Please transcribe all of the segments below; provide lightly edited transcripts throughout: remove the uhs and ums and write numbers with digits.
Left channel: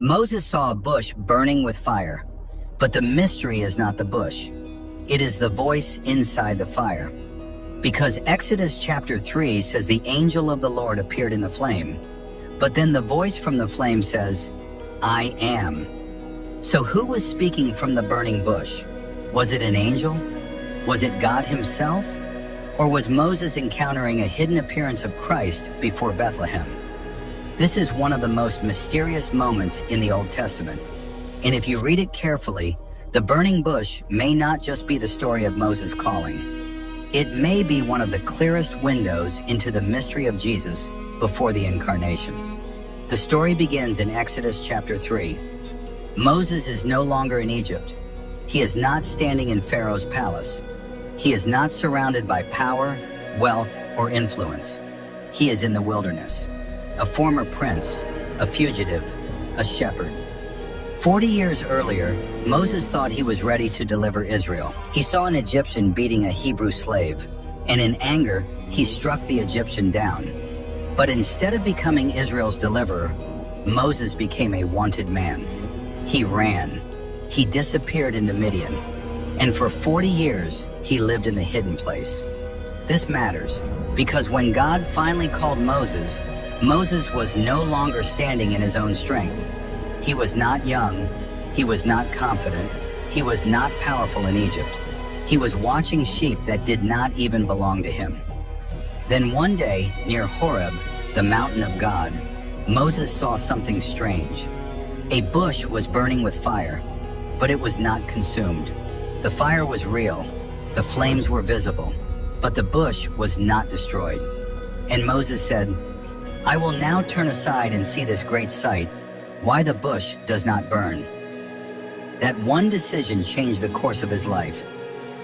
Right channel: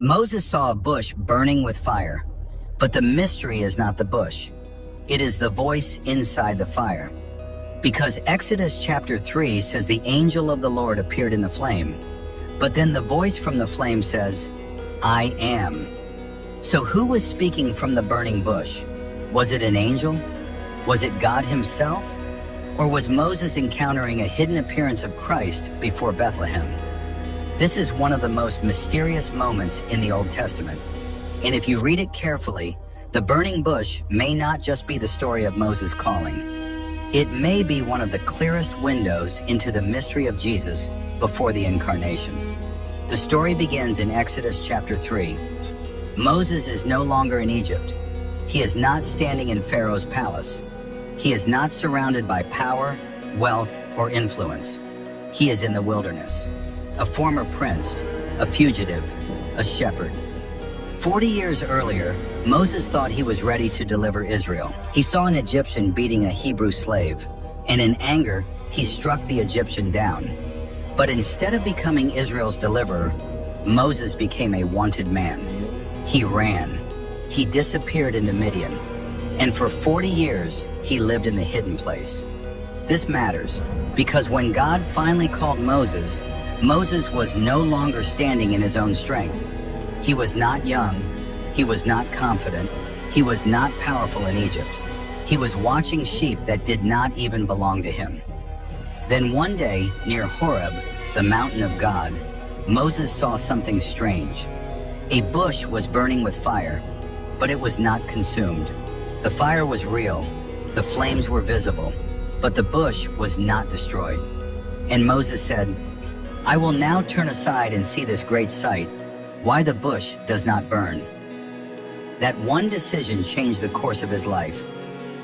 Moses saw a bush burning with fire, but the mystery is not the bush. It is the voice inside the fire. Because Exodus chapter 3 says the angel of the Lord appeared in the flame, but then the voice from the flame says, I am. So who was speaking from the burning bush? Was it an angel? Was it God himself? Or was Moses encountering a hidden appearance of Christ before Bethlehem? This is one of the most mysterious moments in the Old Testament. And if you read it carefully, the burning bush may not just be the story of Moses' calling. It may be one of the clearest windows into the mystery of Jesus before the incarnation. The story begins in Exodus chapter 3. Moses is no longer in Egypt. He is not standing in Pharaoh's palace. He is not surrounded by power, wealth, or influence. He is in the wilderness, a former prince, a fugitive, a shepherd. 40 years earlier, Moses thought he was ready to deliver Israel. He saw an Egyptian beating a Hebrew slave, and in anger, he struck the Egyptian down. But instead of becoming Israel's deliverer, Moses became a wanted man. He ran. He disappeared into Midian, and for 40 years, he lived in the hidden place. This matters because when God finally called Moses, Moses was no longer standing in his own strength. He was not young, he was not confident, he was not powerful in Egypt. He was watching sheep that did not even belong to him. Then one day, near Horeb, the mountain of God, Moses saw something strange. A bush was burning with fire, but it was not consumed. The fire was real, the flames were visible, but the bush was not destroyed. And Moses said, I will now turn aside and see this great sight, why the bush does not burn. That one decision changed the course of his life.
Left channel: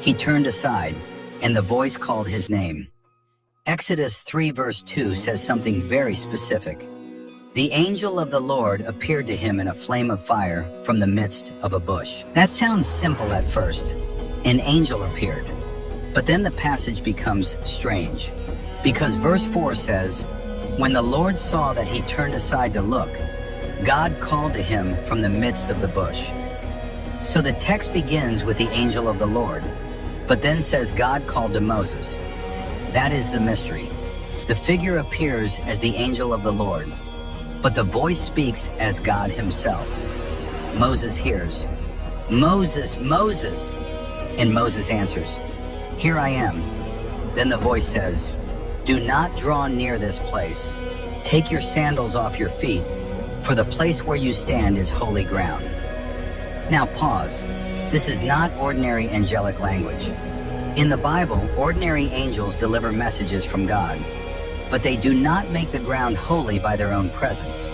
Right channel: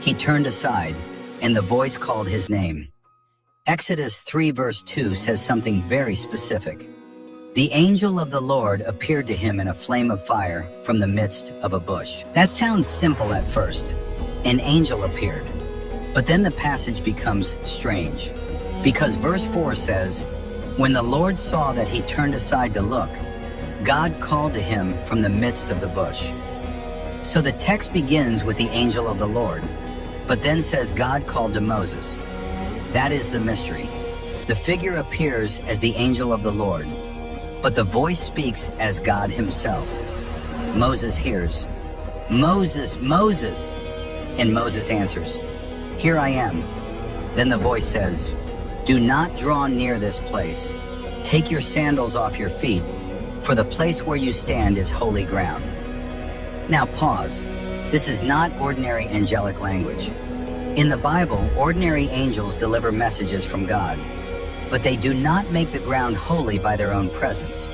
He turned aside, and the voice called his name. Exodus 3 verse 2 says something very specific. The angel of the Lord appeared to him in a flame of fire from the midst of a bush. That sounds simple at first. An angel appeared. But then the passage becomes strange, because verse 4 says, when the Lord saw that he turned aside to look, God called to him from the midst of the bush. So the text begins with the angel of the Lord, but then says God called to Moses. That is the mystery. The figure appears as the angel of the Lord, but the voice speaks as God himself. Moses hears, Moses, Moses, and Moses answers, Here I am. Then the voice says, Do not draw near this place. Take your sandals off your feet, for the place where you stand is holy ground. Now pause. This is not ordinary angelic language. In the Bible, ordinary angels deliver messages from God, but they do not make the ground holy by their own presence.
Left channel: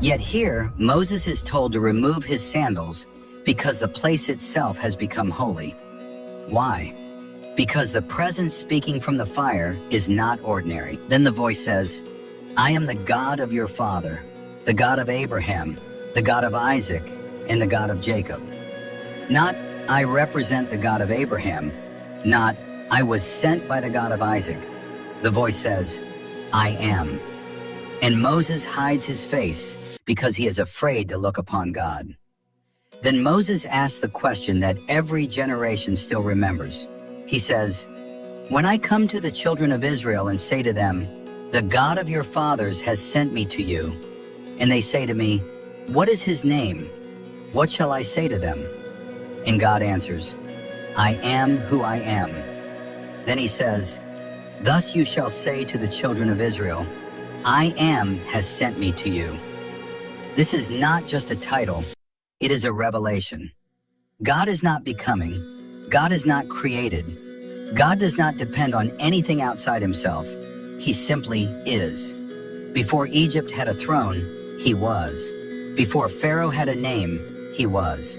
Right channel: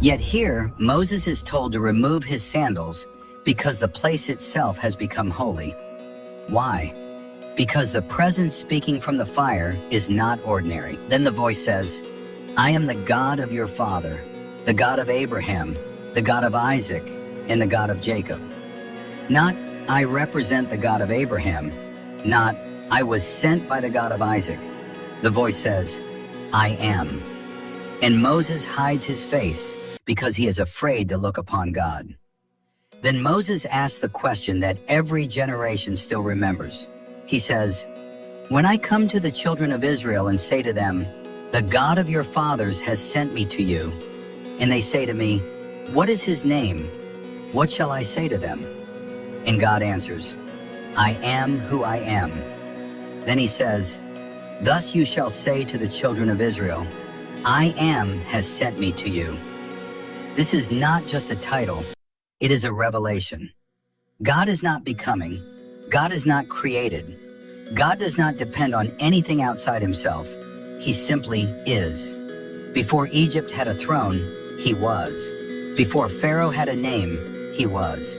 Yet here, Moses is told to remove his sandals because the place itself has become holy. Why? Because the presence speaking from the fire is not ordinary. Then the voice says, I am the God of your father, the God of Abraham, the God of Isaac, and the God of Jacob. Not, I represent the God of Abraham, not, I was sent by the God of Isaac. The voice says, I am. And Moses hides his face because he is afraid to look upon God. Then Moses asks the question that every generation still remembers. He says, When I come to the children of Israel and say to them, The God of your fathers has sent me to you, and they say to me, What is his name? What shall I say to them? And God answers, I am who I am. Then he says, Thus you shall say to the children of Israel, I am has sent me to you. This is not just a title, it is a revelation. God is not becoming. God is not created. God does not depend on anything outside himself. He simply is. Before Egypt had a throne, he was. Before Pharaoh had a name, he was.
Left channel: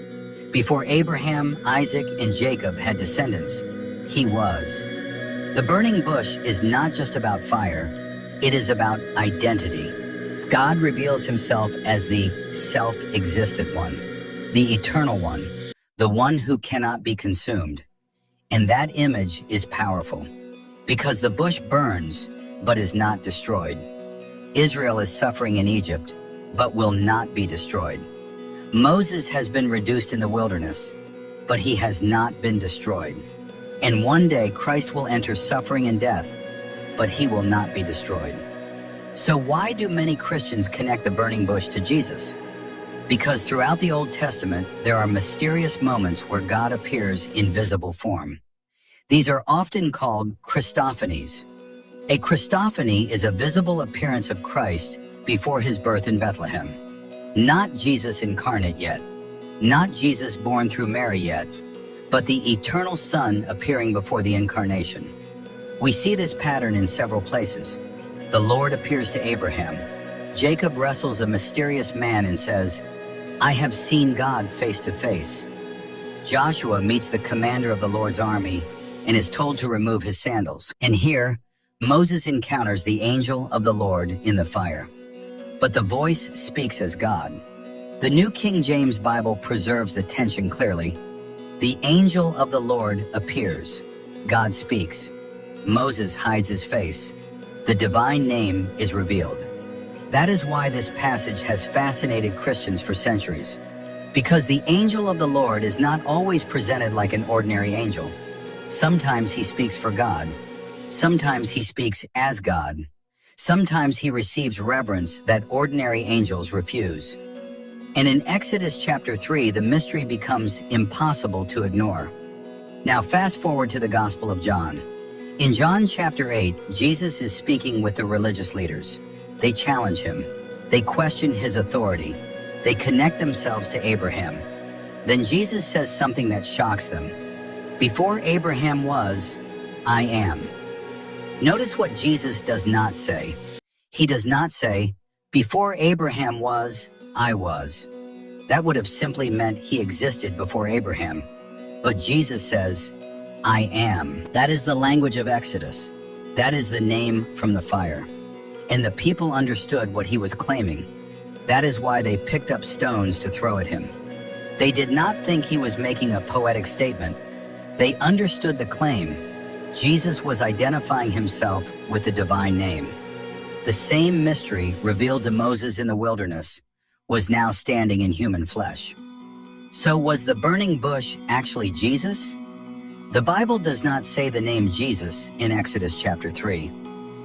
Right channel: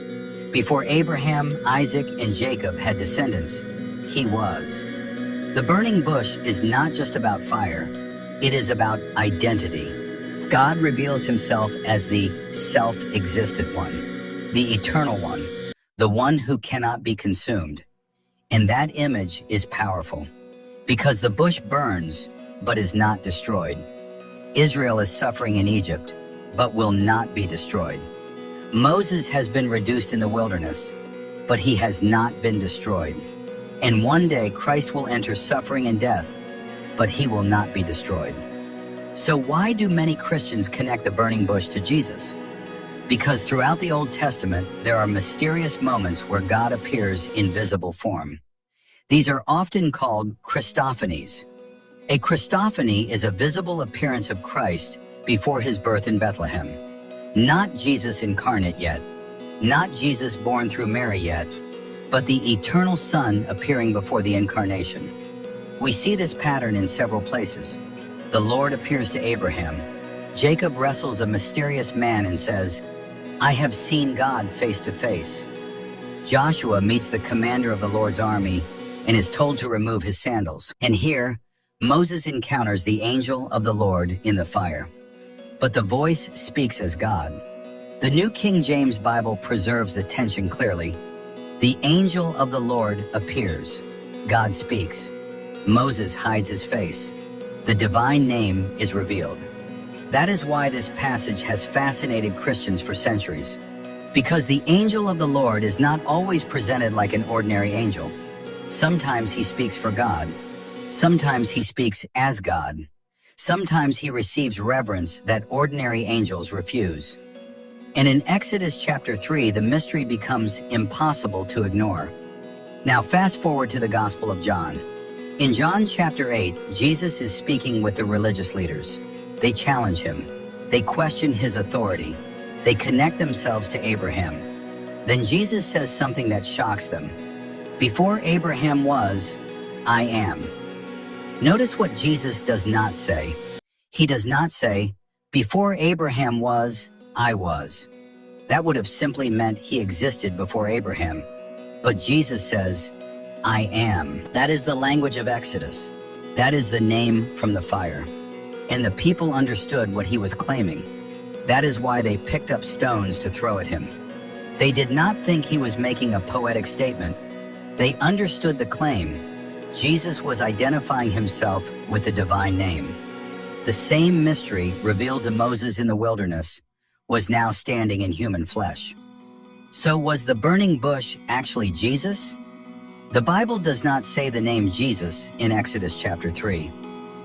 Before Abraham, Isaac, and Jacob had descendants, he was. The burning bush is not just about fire, it is about identity. God reveals himself as the self-existent one, the eternal one, the one who cannot be consumed. And that image is powerful, because the bush burns, but is not destroyed. Israel is suffering in Egypt, but will not be destroyed. Moses has been reduced in the wilderness, but he has not been destroyed. And one day Christ will enter suffering and death, but he will not be destroyed. So why do many Christians connect the burning bush to Jesus? Because throughout the Old Testament, there are mysterious moments where God appears in visible form. These are often called Christophanies. A Christophany is a visible appearance of Christ before his birth in Bethlehem. Not Jesus incarnate yet, not Jesus born through Mary yet, but the eternal Son appearing before the incarnation. We see this pattern in several places. The Lord appears to Abraham. Jacob wrestles a mysterious man and says, "I have seen God face to face." Joshua meets the commander of the Lord's army and is told to remove his sandals. And here, Moses encounters the angel of the Lord in the fire. But the voice speaks as God. The New King James Bible preserves the tension clearly. The angel of the Lord appears. God speaks. Moses hides his face. The divine name is revealed. That is why this passage has fascinated Christians for centuries. Because the angel of the Lord is not always presented like an ordinary angel. Sometimes he speaks for God. Sometimes he speaks as God. Sometimes he receives reverence that ordinary angels refuse. And in Exodus chapter 3, the mystery becomes impossible to ignore. Now fast forward to the Gospel of John. In John chapter 8, Jesus is speaking with the religious leaders. They challenge him. They question his authority. They connect themselves to Abraham. Then Jesus says something that shocks them. Before Abraham was, I am. Notice what Jesus does not say. He does not say, before Abraham was, I was. That would have simply meant he existed before Abraham. But Jesus says, I am. That is the language of Exodus. That is the name from the fire. And the people understood what he was claiming. That is why they picked up stones to throw at him. They did not think he was making a poetic statement. They understood the claim. Jesus was identifying himself with the divine name. The same mystery revealed to Moses in the wilderness was now standing in human flesh. So was the burning bush actually Jesus? The Bible does not say the name Jesus in Exodus chapter 3,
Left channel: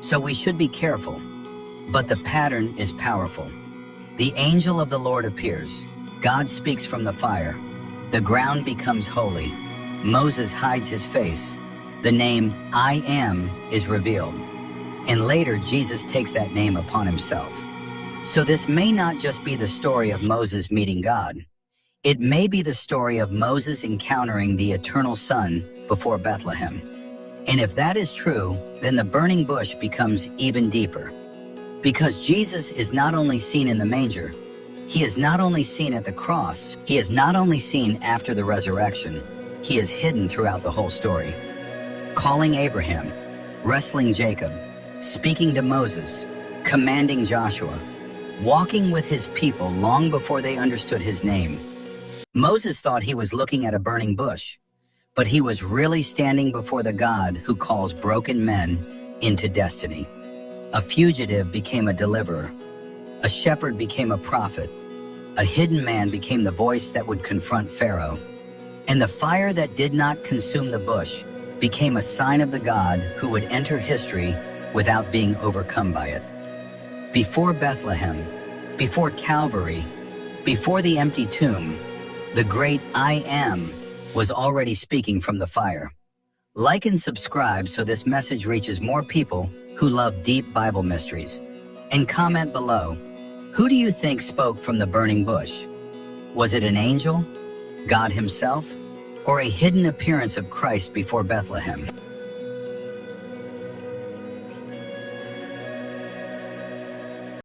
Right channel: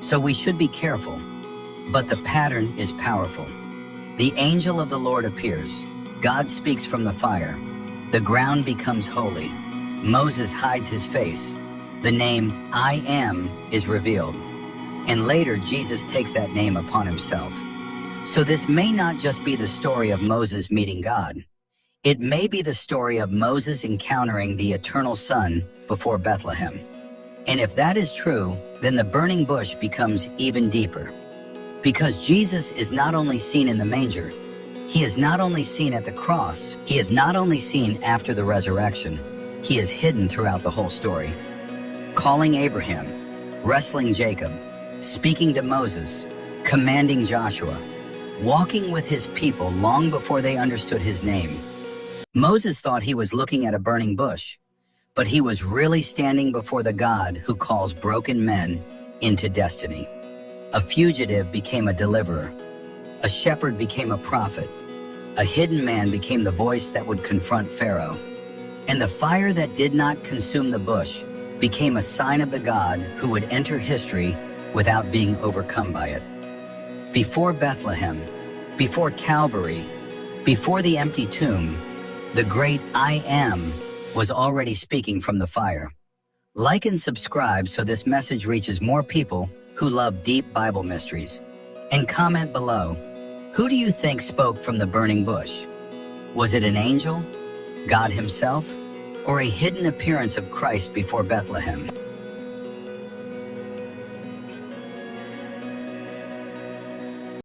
so we should be careful. But the pattern is powerful. The angel of the Lord appears. God speaks from the fire. The ground becomes holy. Moses hides his face. The name I am is revealed. And later, Jesus takes that name upon himself. So this may not just be the story of Moses meeting God. It may be the story of Moses encountering the eternal Son before Bethlehem. And if that is true, then the burning bush becomes even deeper. Because Jesus is not only seen in the manger, he is not only seen at the cross, he is not only seen after the resurrection, he is hidden throughout the whole story. Calling Abraham, wrestling Jacob, speaking to Moses, commanding Joshua, walking with his people long before they understood his name. Moses thought he was looking at a burning bush, but he was really standing before the God who calls broken men into destiny. A fugitive became a deliverer. A shepherd became a prophet. A hidden man became the voice that would confront Pharaoh. And the fire that did not consume the bush became a sign of the God who would enter history without being overcome by it. Before Bethlehem, before Calvary, before the empty tomb, the great I Am was already speaking from the fire. Like and subscribe so this message reaches more people who love deep Bible mysteries. And comment below, who do you think spoke from the burning bush? Was it an angel, God himself, or a hidden appearance of Christ before Bethlehem?